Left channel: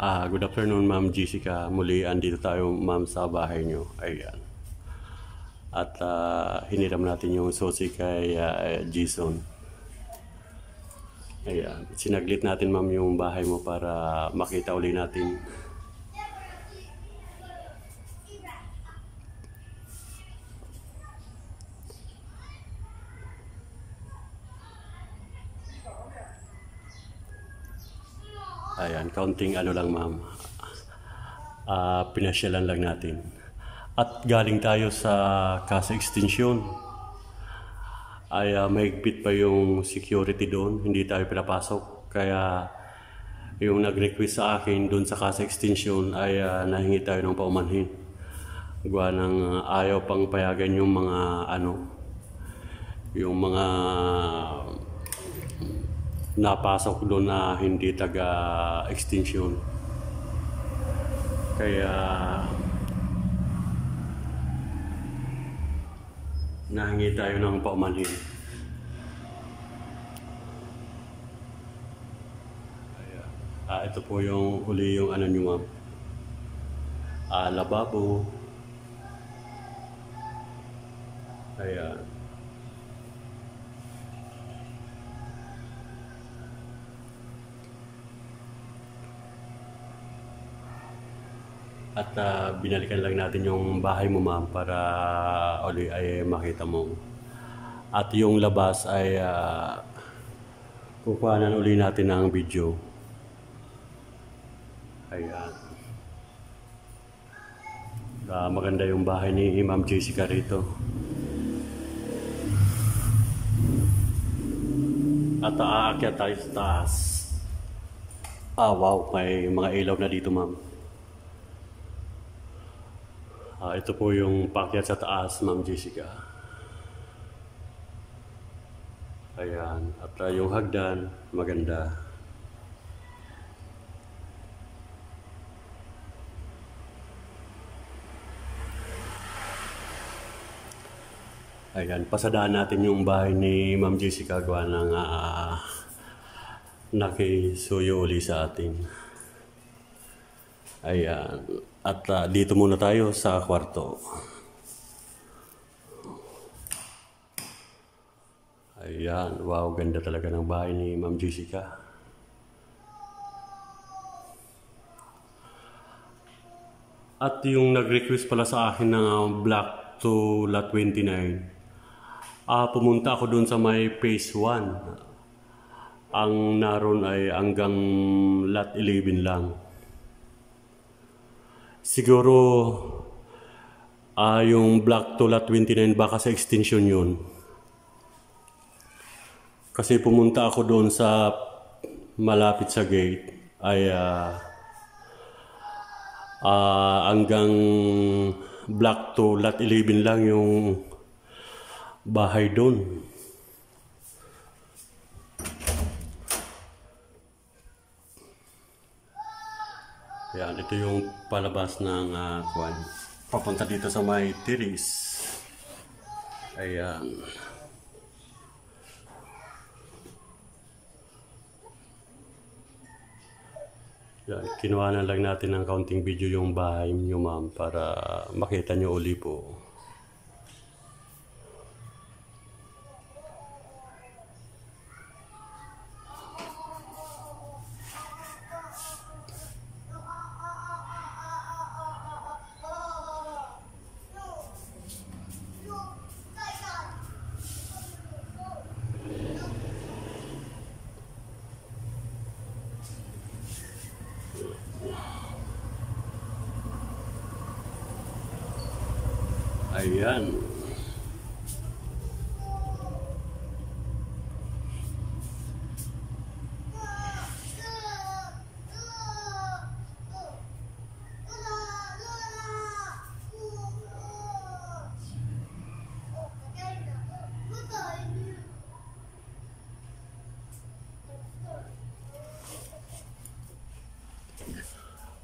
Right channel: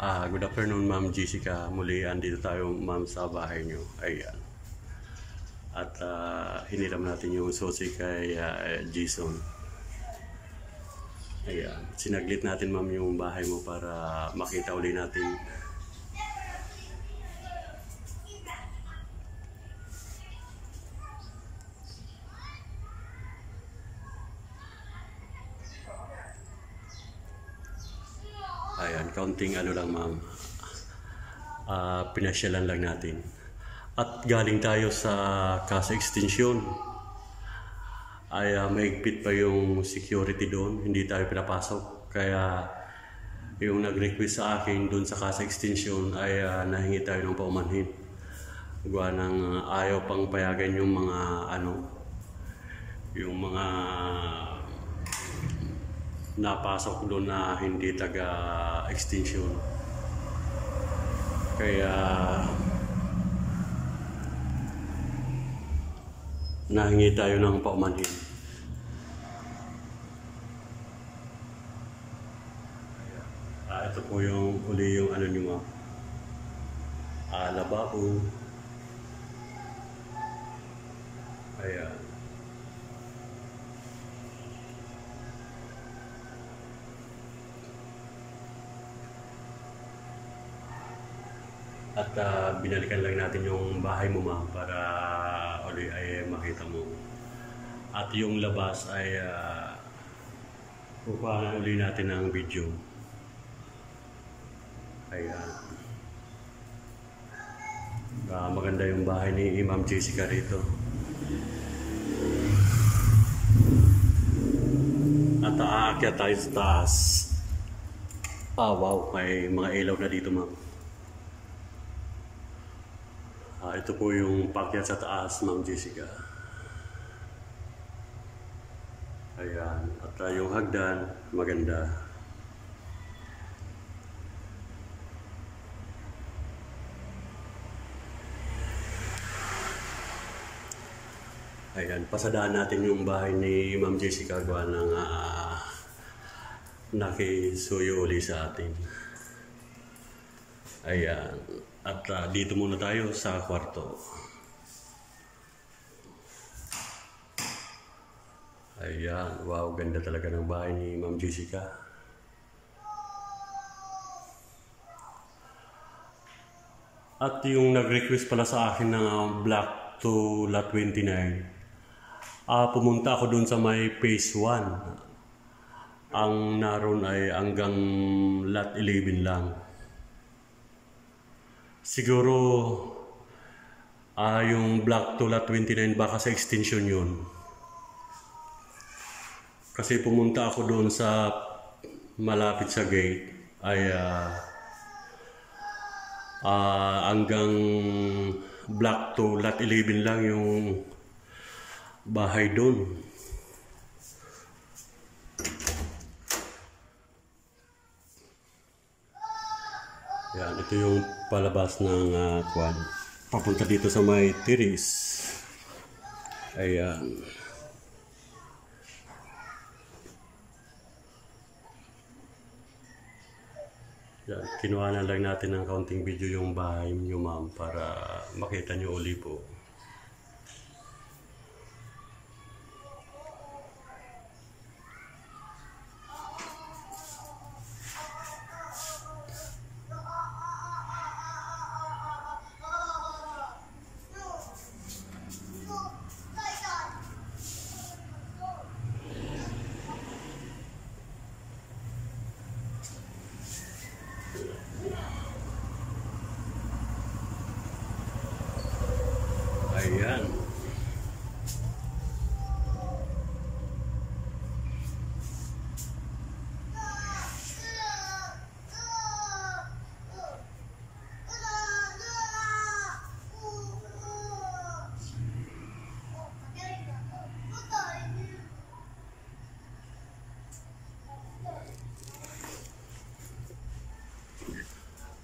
Good afternoon, Ma'am Jessica. Muli, andito tayo, Ma'am, sa bahay nyo. Ayan. At hiniram natin yung susi kay Jason. Ayan. Sinaglit natin, Ma'am, yung bahay mo para makita uli natin. Ayan, counting ano lang, Ma'am. Pinasyalan lang natin. At galing tayo sa Casa Extension. Ay mahigpit pa yung security doon. Hindi tayo pinapasok. Kaya yung nag-request sa akin doon sa Casa Extension ay nahingi tayo ng paumanhin. Gawa ng ayaw pang payagan yung mga yung mga napasok doon na hindi taga-extension. Kaya nahingi tayo ng paumanhin. Ito po yung uli yung ano nyo, Ma'am. Lababo. Ayan. At binalikan lang natin yung bahay mo, Ma'am, para uli ay makita mo. At yung labas ay kukuhanan uli natin ng video. Ayan. Maganda yung bahay ni Ma'am Jessica rito. At aakyat tayo sa taas. Wow, may mga ilaw na dito, Ma'am. Ito po yung paakyat sa taas, Ma'am Jessica. Ayan. At yung hagdan, maganda. Ayan. Pasadaan natin yung bahay ni Ma'am Jessica. Gawa ng nakisuyo uli sa atin. Ayan. At dito muna tayo sa kwarto. Ayan. Wow, ganda talaga ng bahay ni Ma'am Jessica. At yung nag-request pala sa akin ng Block to Lot 29. Pumunta ako dun sa may Phase 1. Ang naroon ay hanggang Lot 11 lang. Siguro yung Block to Lot 29 baka sa extension yun. Kasi pumunta ako doon sa malapit sa gate ay hanggang Block to Lot 11 lang yung bahay doon. Yan, ito yung palabas ng kwan. Papunta dito sa may tiris. Ayan. Yan, kinuha na lang natin ng counting video yung bahay nyo, Ma'am, para makita nyo uli po. Ayan.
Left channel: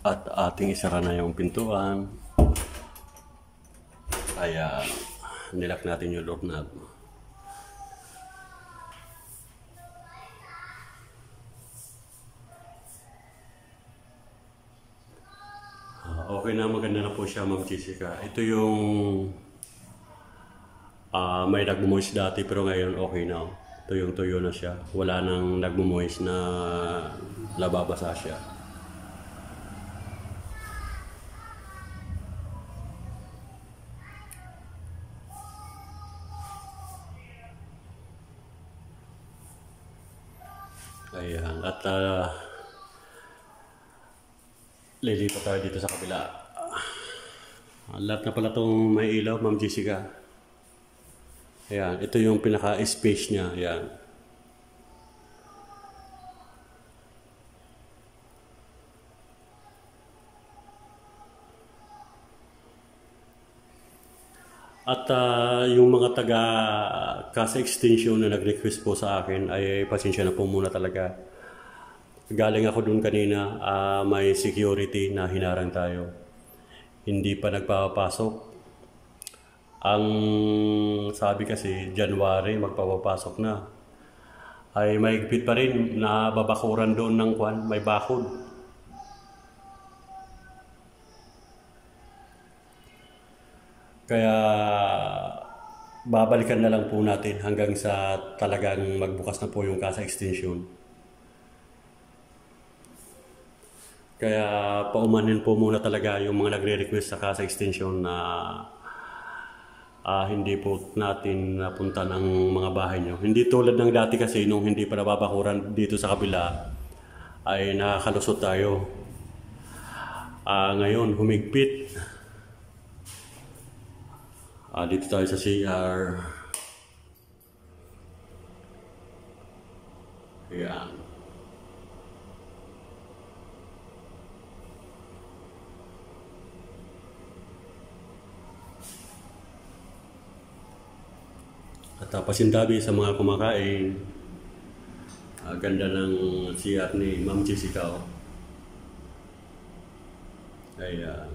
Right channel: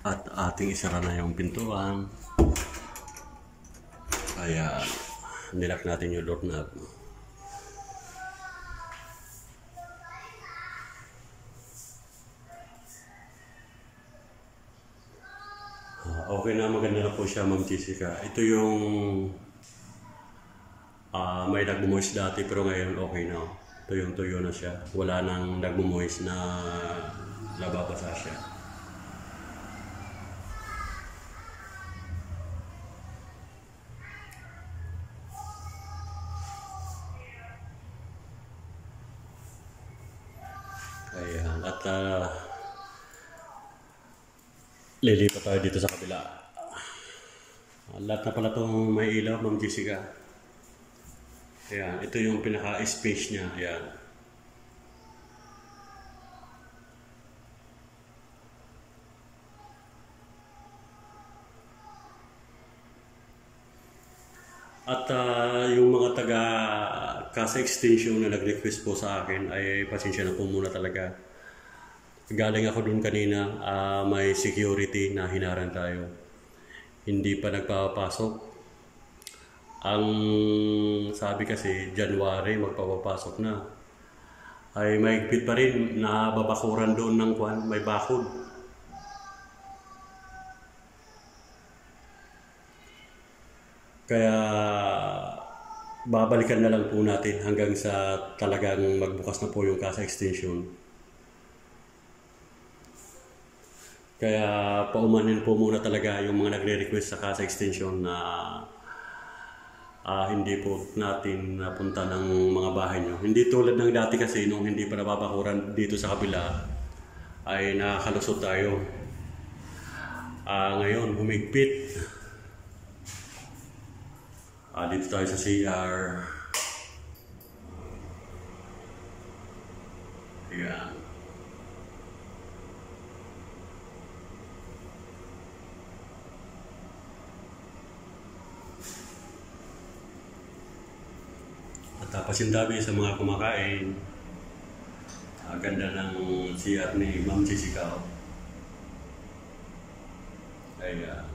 At ating isara na yung pintuan. Ayan. Nilak natin yung doorknob. Okay na, maganda na po siya, Ma'am Jessica. Ito yung may nagmumoist dati pero ngayon okay na. Ito yung tuyo na siya. Wala nang nagmumoist na nababasa siya. Ayan. At lilipat tayo dito sa kabila. Lahat na pala itong may ilaw, Ma'am Jessica. Ayan. Ito yung pinaka-space niya. Ayan. At yung mga taga Casa Extension na nag-request po sa akin ay pasensya na po muna talaga. Galing ako dun kanina, may security na hinarang tayo. Hindi pa nagpapasok. Ang sabi kasi January magpapasok na. Ay mahigpit pa rin na babakuran doon ng kwan, may bakod. Kaya babalikan na lang po natin hanggang sa talagang magbukas na po yung Casa Extension. Kaya paumanin po muna talaga yung mga nagre-request sa Casa Extension na hindi po natin napunta ng mga bahay nyo. Hindi tulad ng dati kasi nung hindi pa nababakuran dito sa kabila ay nakakalusot tayo. Ngayon humigpit. Dito tayo sa CR. Ayan. At pasintabi sa mga kumakain. Ganda ng CR ni Ma'am Jessica. Ayan.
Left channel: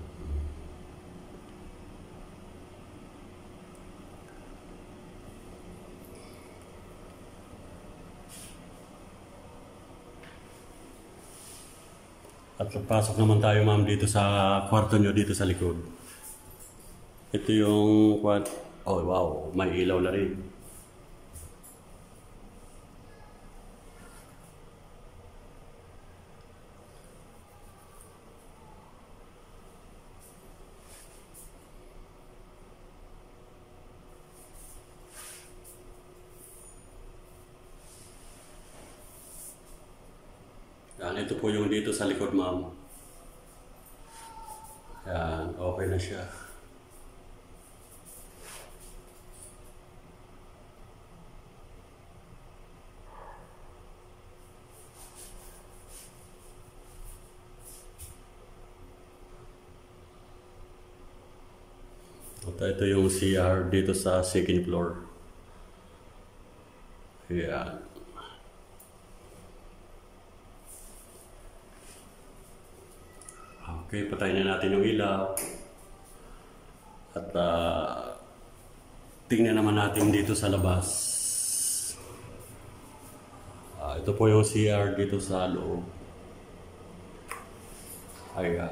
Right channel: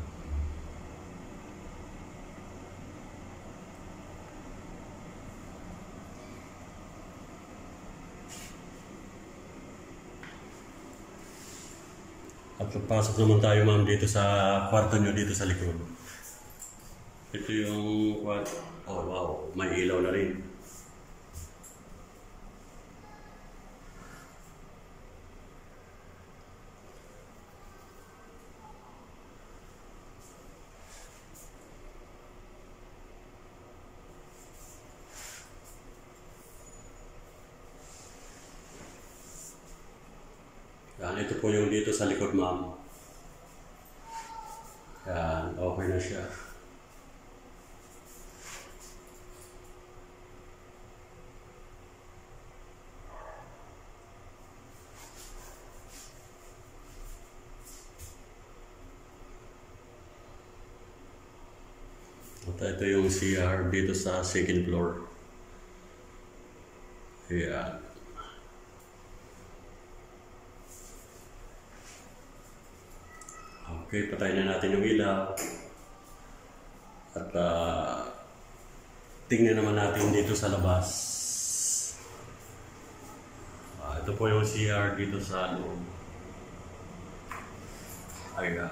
At pasok naman tayo, ma'am, dito sa kwarto nyo dito sa likod. Ito yung oh wow, may ilaw na rin. Yan, ito po yung dito sa likod, ma'am. Yan, okay na siya. At ito yung CR dito sa second floor. Yan. Okay, patayin na natin yung ilaw. At tingnan naman natin dito sa labas. Ito po yung CR dito sa loob. Ayan.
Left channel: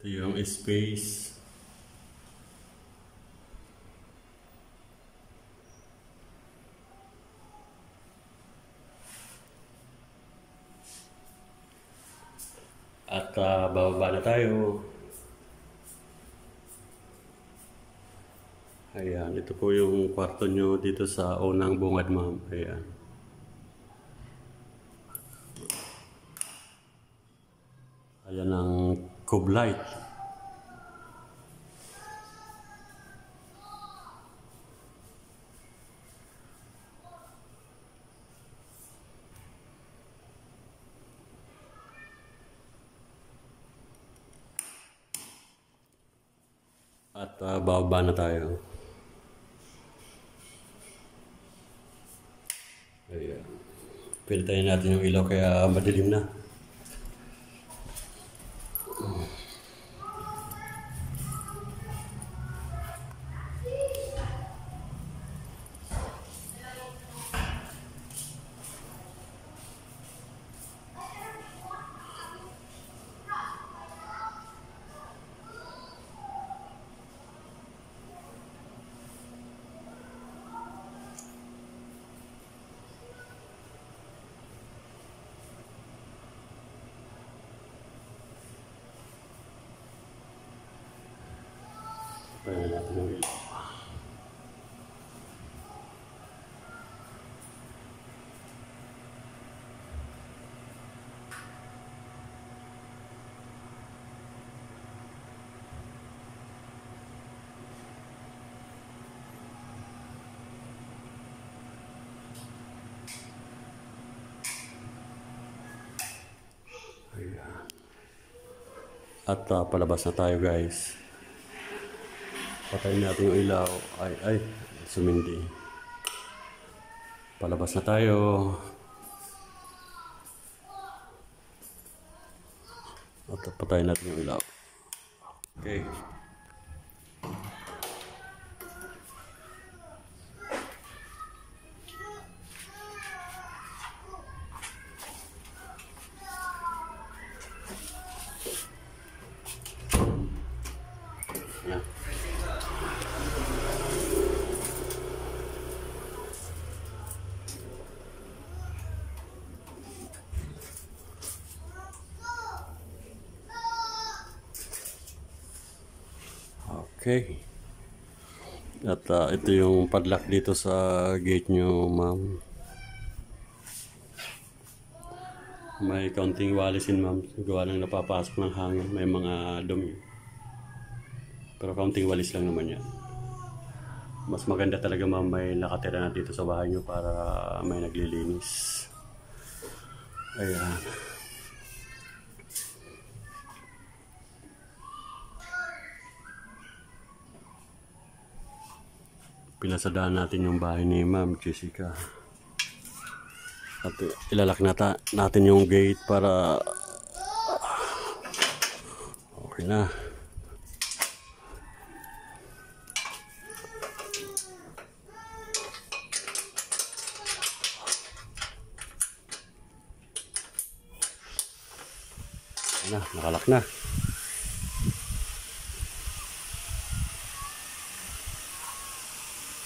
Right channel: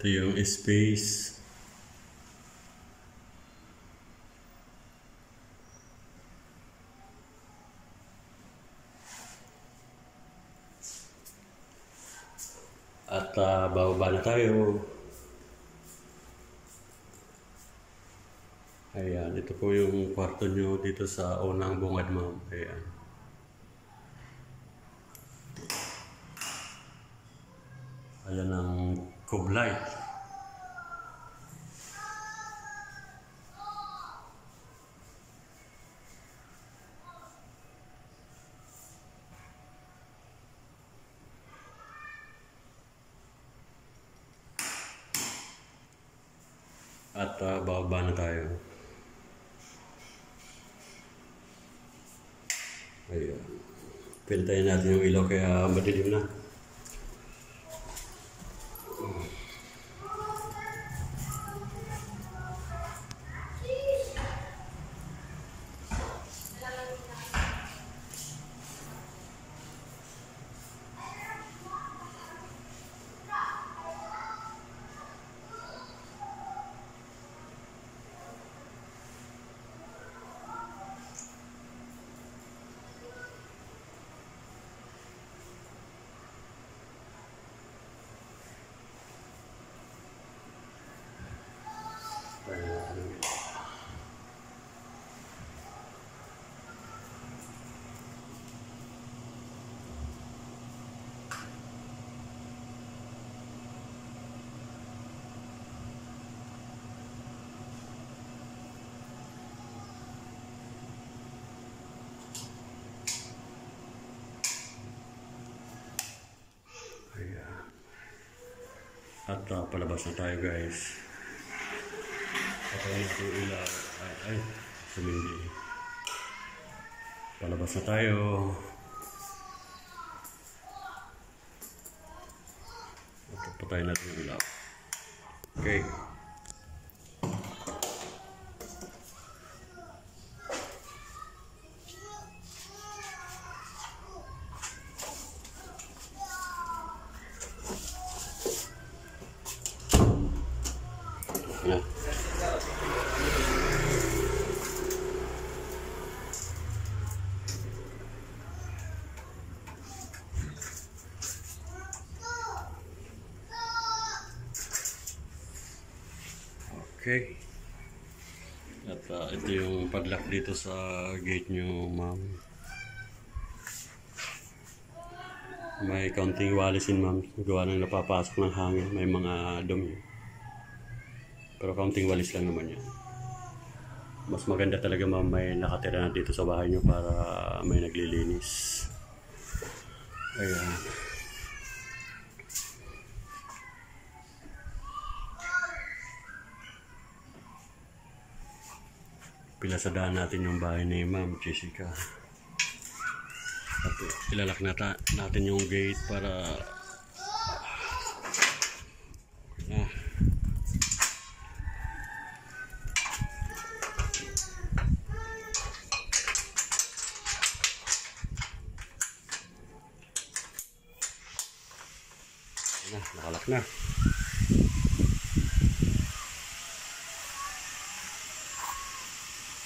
Ito yung space. At bababa na tayo. Ayan, ito po yung kwarto nyo dito sa unang bungad, ma'am. Ayan. Ayan ang cube light. At bababa na tayo. Ayan. Pintayin natin yung ilaw kaya madilim na. Ayan natin yung ilaw. Ayan. At palabas na tayo guys. Patayin natin yung ilaw. Ay, sumindi. Palabas na tayo. At patayin natin yung ilaw. Okay. Ayan. Okay. At ito yung padlock dito sa gate nyo, ma'am. May kaunting walisin, ma'am. Gawa ng napapasok ng hangin. May mga dumi. Pero kaunting walis lang naman yan. Mas maganda talaga, ma'am, may nakatira na dito sa bahay nyo para may naglilinis. Ayan. Pinasadaan natin yung bahay ni Ma'am Jessica. At ilalak natin yung gate para okay na. Nakalak na.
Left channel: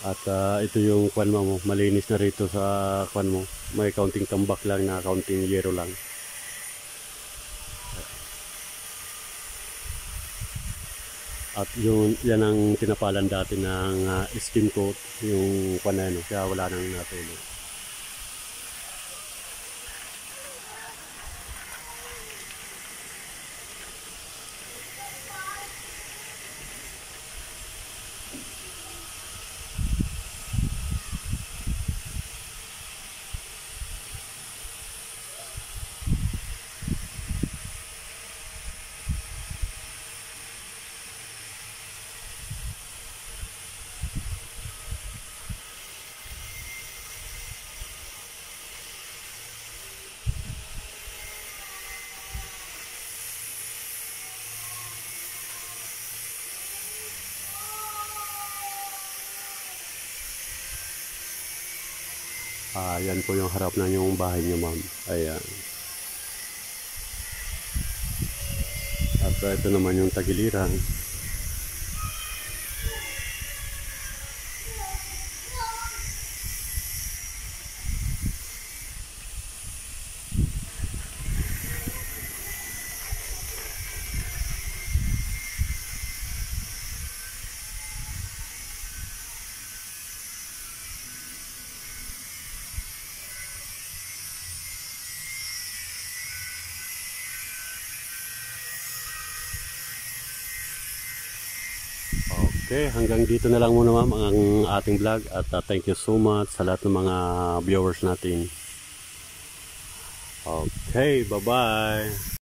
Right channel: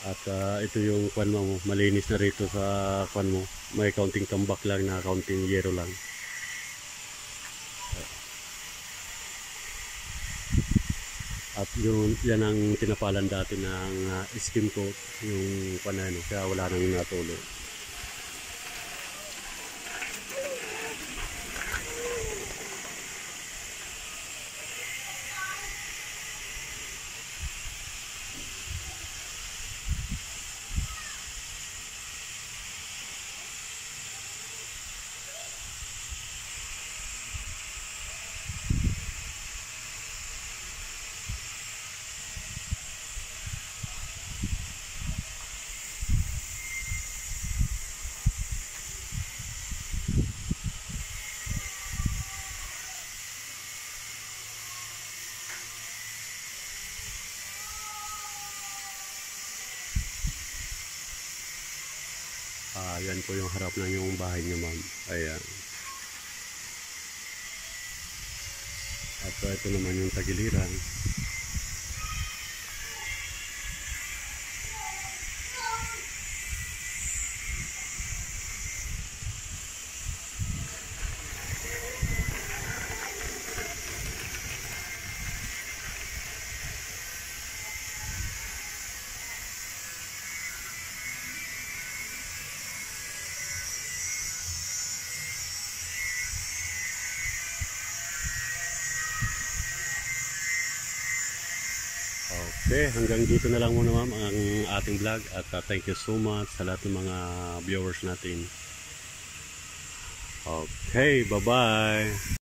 At ito yung kwan mo, malinis na rito sa kwan mo. May kaunting tambak lang na kaunting yero lang. At yan ang tinapalan dati ng skim coat, yung kwan na yun, kaya wala nang natuloy. Yan po yung harap ng yung bahay niyo, ma'am. Ayan. At ito naman yung tagiliran. Okay, hanggang dito na lang muna, ma'am, ang ating vlog. At thank you so much sa lahat ng mga viewers natin. Okay, bye-bye.